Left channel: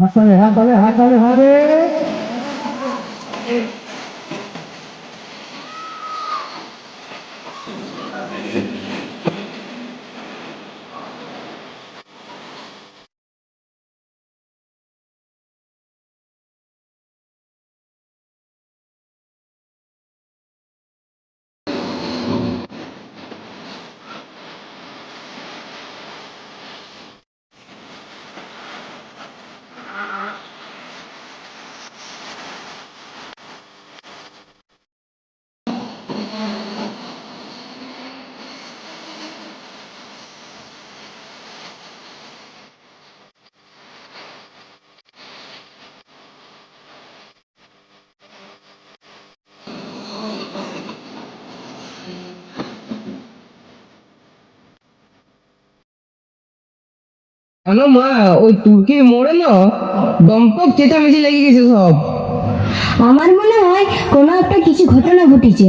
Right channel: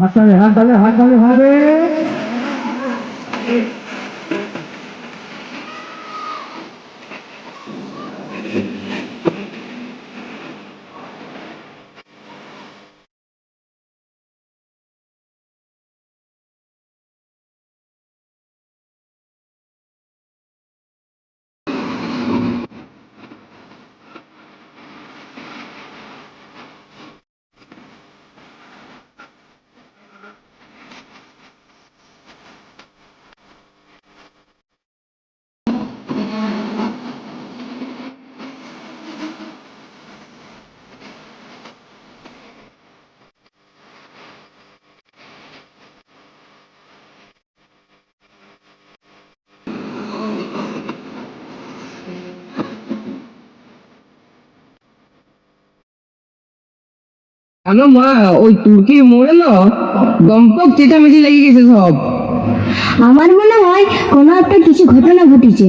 Hasta Alejandro, Alejandro, Alejandro. জানো মা, ওই তুর্কি মোড়ে না? দম্পক চেঁচামেচি লেগে গেছে সব। আমার মনে হয় কোনো একটা কিছু ঘটনা ঘটেছে।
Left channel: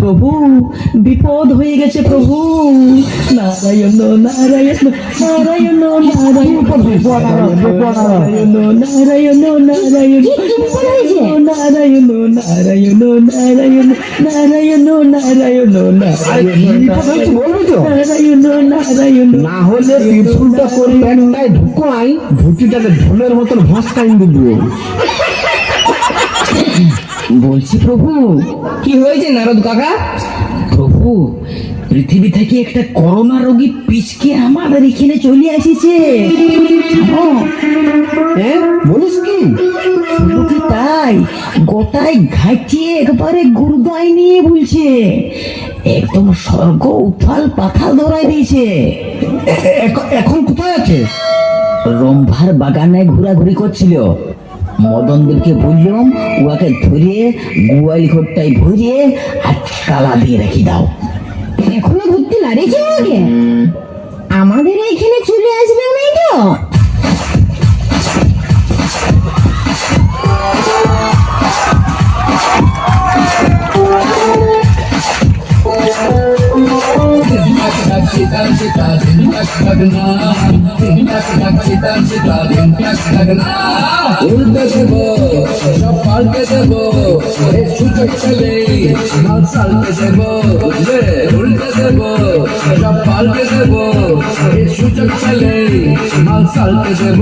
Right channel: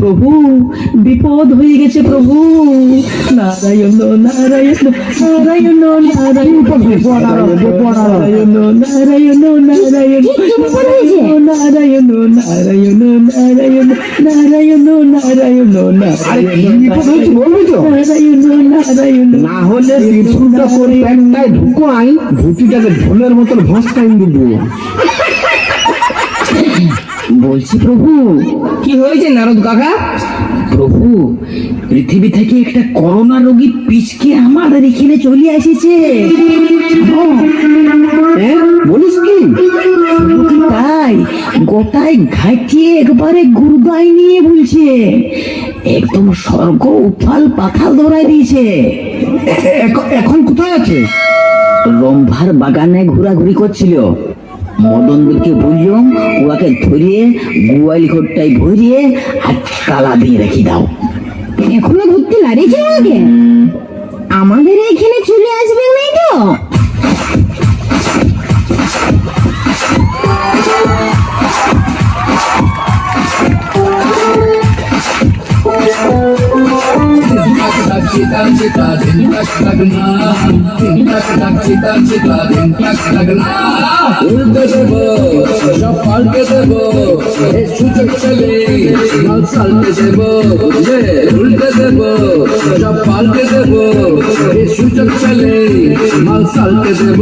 প্রভু বিপদ হয়ে গেছে প্রভু নারায়ণ নারায়ণ নারায়ণ নারায়ণ নারায়ণ নারায়ণ নারায়ণ নারায়ণ নারায়ণ নারায়ণ নারায়ণ নারায়ণ নারায়ণ না হলে একটাই ঢুকাই ধুতিটাকে ঢোলের মতন ভাসকাই দিব বলছি প্রভু। কি হয়েছে নারদ কাকা? প্রভু পৃথিবী থেকে একটা করোনা রোগী পিচকে আমাদের এখানে চলে এসেছে। হ্যাঁ? বলিস কি? তাই? গোটায় ঘাটিয়ে একবারে গুরুদায় নিয়ে বলছে। একদম স্বর্গ উফাল পাখাল দৌড়াই দিয়েছে। এখন কোথায় আছে? রম্ভার বাগানে ঘোরাঘুরি করছিল। মদনদেরকে বললাম উহাকে ধরিয়ে গুয়াইল ঘরটায় ভরিয়ে আর তালা দিয়ে রেখে দাও। এখনও ধরতে নাড়েছে আগে আমাদের এখানে চলে আসবে নাই তো? উল্টে দেব সব পাল্টে দেব সুযোগ মাল সালটে দেব উল্টে দেব সব পাল্টে দেব সুযোগ চলে মাল দেব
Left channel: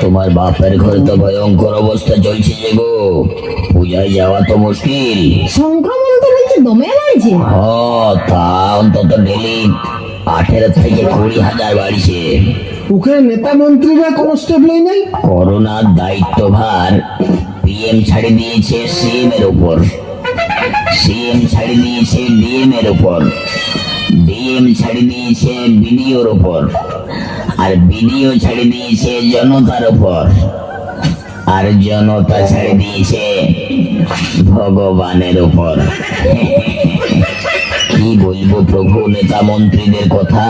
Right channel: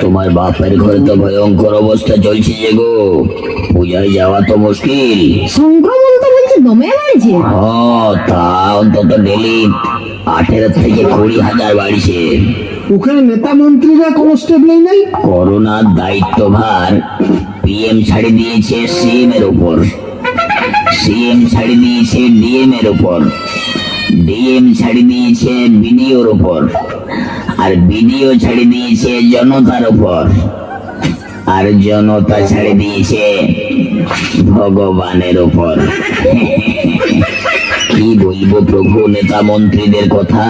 তোমার বাপের ঘরে তো ভয়ঙ্কর অবস্থা চলছে যে গো। পূজায় যাওয়া তো মুশকিল। সংক্রমণ তো হ্যাঁ, তা অন্তত ডেলি আঠেরো থেকে কুড়ি হাজার বাড়ছে। ওখানে নেতা মন্ত্রীরা কোনো স্টেপ নেই? নাই করোনার দায়িত্বভার পিএম ছাড়ি দিয়েছে সিএম এর উপর। সিএম ছাড়ি দিয়েছে ডিএম এর উপর। ডিএম ছাড়ি দিয়েছে বিডিওর উপর। আর বিডিও ছাড়ি দিয়েছে জনতার উপর। আর জনতা ছেড়ে দিয়েছে ভগবানের উপর। প্রভু নেতা মন্ত্রীদের কথা।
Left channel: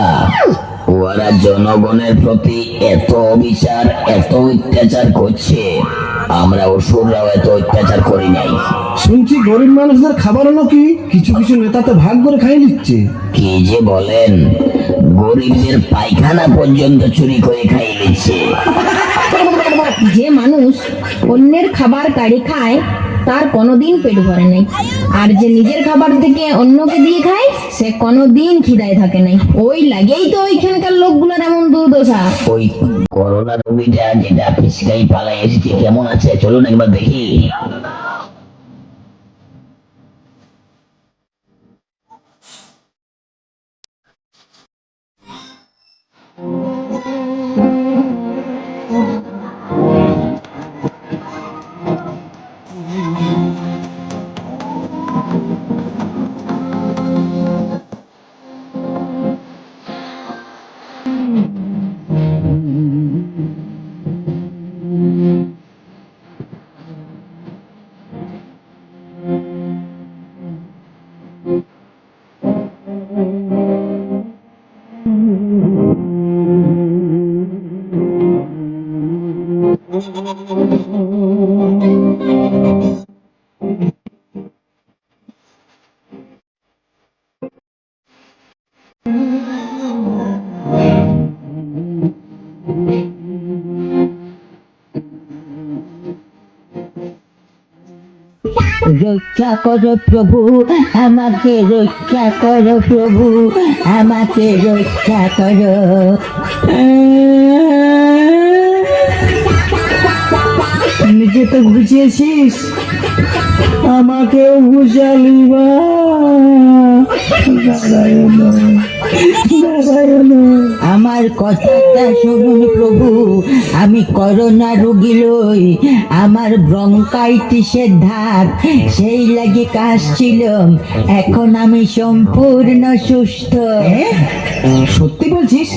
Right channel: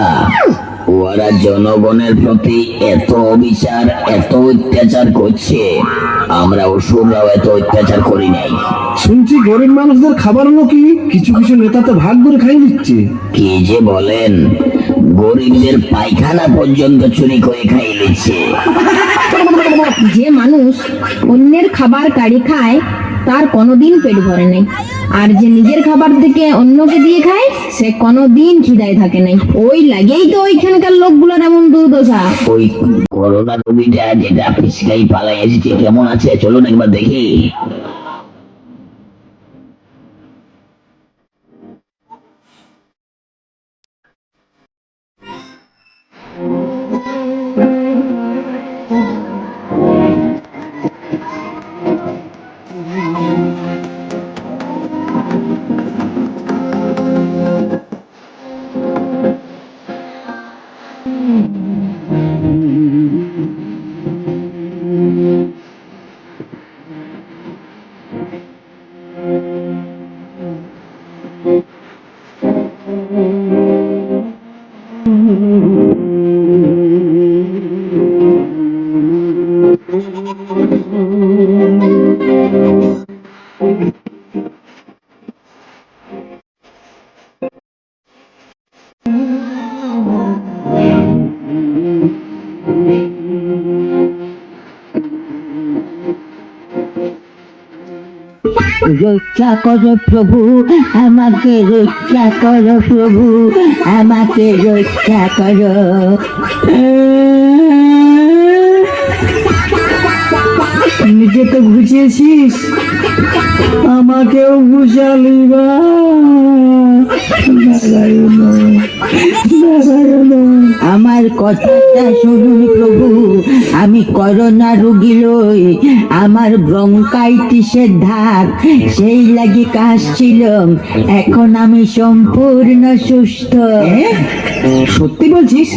ওরা জনগণের প্রতি এত অবিচার এত অত্যাচার করছে। আমরা অসুররাও এত অত্যাচার করি নাই। শুনছি গরিব মানুষদের খাবার নাকি কিছু কিছু নেতা তো ভাগ করে খাই দিচ্ছে কি যে বলেন? গরিবদের পায়খানা পর্যন্ত চুরি করে খাই নিচ্ছে। যে মানুষ অন্যের খাবার কাড়ি খায় তার কোনোদিন পেট ভরে নাই। আর যে নিজের খাবার থেকে অন্যকে দিয়ে খায়, সে কোনোদিন খিদায় থাকে নাই। ওই লাগেই তো ওইখানকার লোকগুলোর এমন দুর্দশা। ওই করোনা রোগীটা যেটা পিছকাই পালাই এসেছে, কেমন আছে? চলুন একবার দেখি। রক্ষা করো প্রভু, আমাকে রক্ষা করো প্রভু, আমাকে রক্ষা করো। নিজে তো ঘুচিয়েছিস আমাকেও ঘুষালি বা কথাটা শুনুন প্রভু। আমি করোনা রুগী লই আমার ব্রঙ্কাইটিসের ধার, সেই লাগে কাশছিল এখন আমি সম্পূর্ণ সুস্থ। সত্যি বলছিস?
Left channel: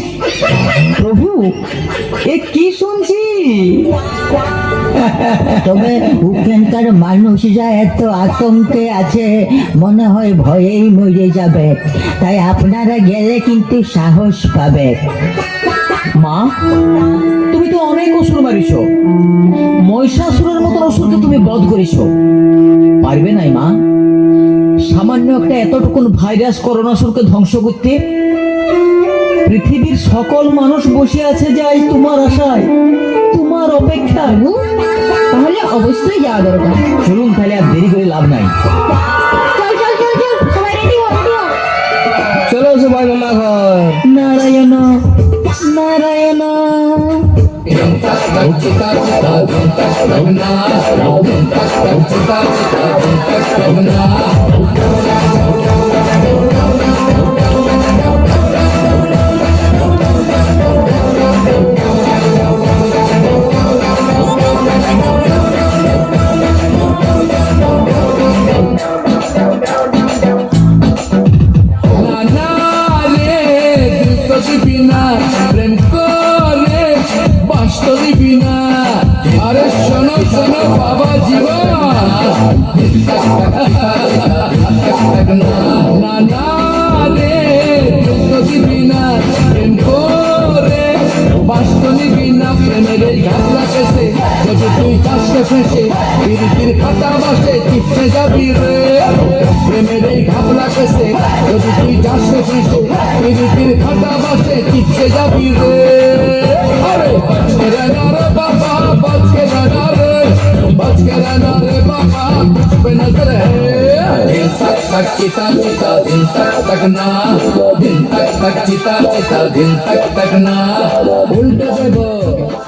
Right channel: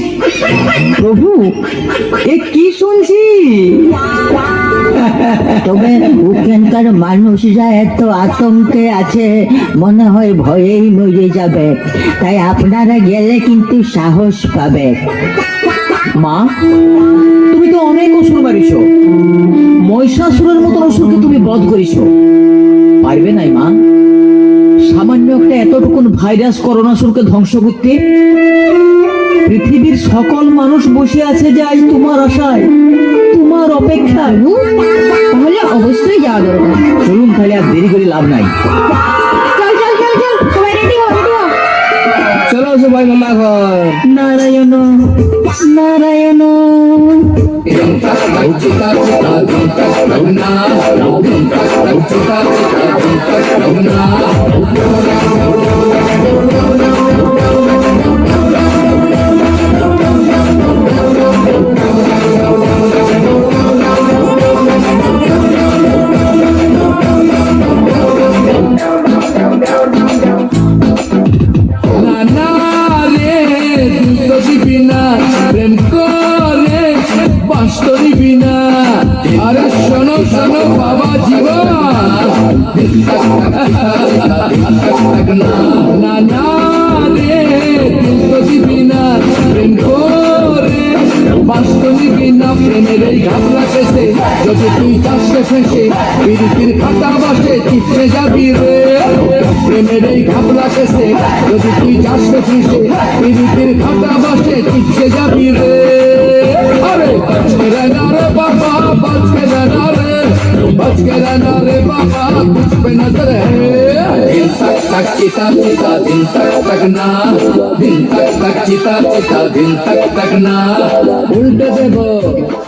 প্রভু, এ কি শুনছি তবে ওখানকার মানুষরা এত আতঙ্কে আছে, মনে হয় ভয়েই মরে যাবে। তাই আপনারা গেলে কিন্তু সাহস পাবে। মা, তুমি তো অনেক অসুর মারিছ। মহিষাসুরের মতন অসুরকে তুমি বধ করেছ। পারবে নাই মা। সামান্য একটা এতটুকুন ভাইরাস করোনাসুরকে ধ্বংস করতে। পৃথিবীর সকল মানুষ বসে আছে যাই তোমার আশায়, তোমার অপেক্ষায়। অবশ্যই যাওয়া দরকার। চলুন তাহলে আর দেরি করে লাভ নাই। চলো সবাই রেডি হও রেডি হও। চলো সবাই রান্না ঘর। aşan şey Biriktir kantar bahçe Düşmece biri Memereyi kapıla kese Gözüktüğü yaşmasın şey Biriktir kantar bahçe Düşmece biri Hare Şerenare baba Baç kenarare Baç kenarare baba Kuş pe nazar Dil tak tak kita kita Dil tak tak na Dil tak tak kita kita Dil tak tak na Ulte se bo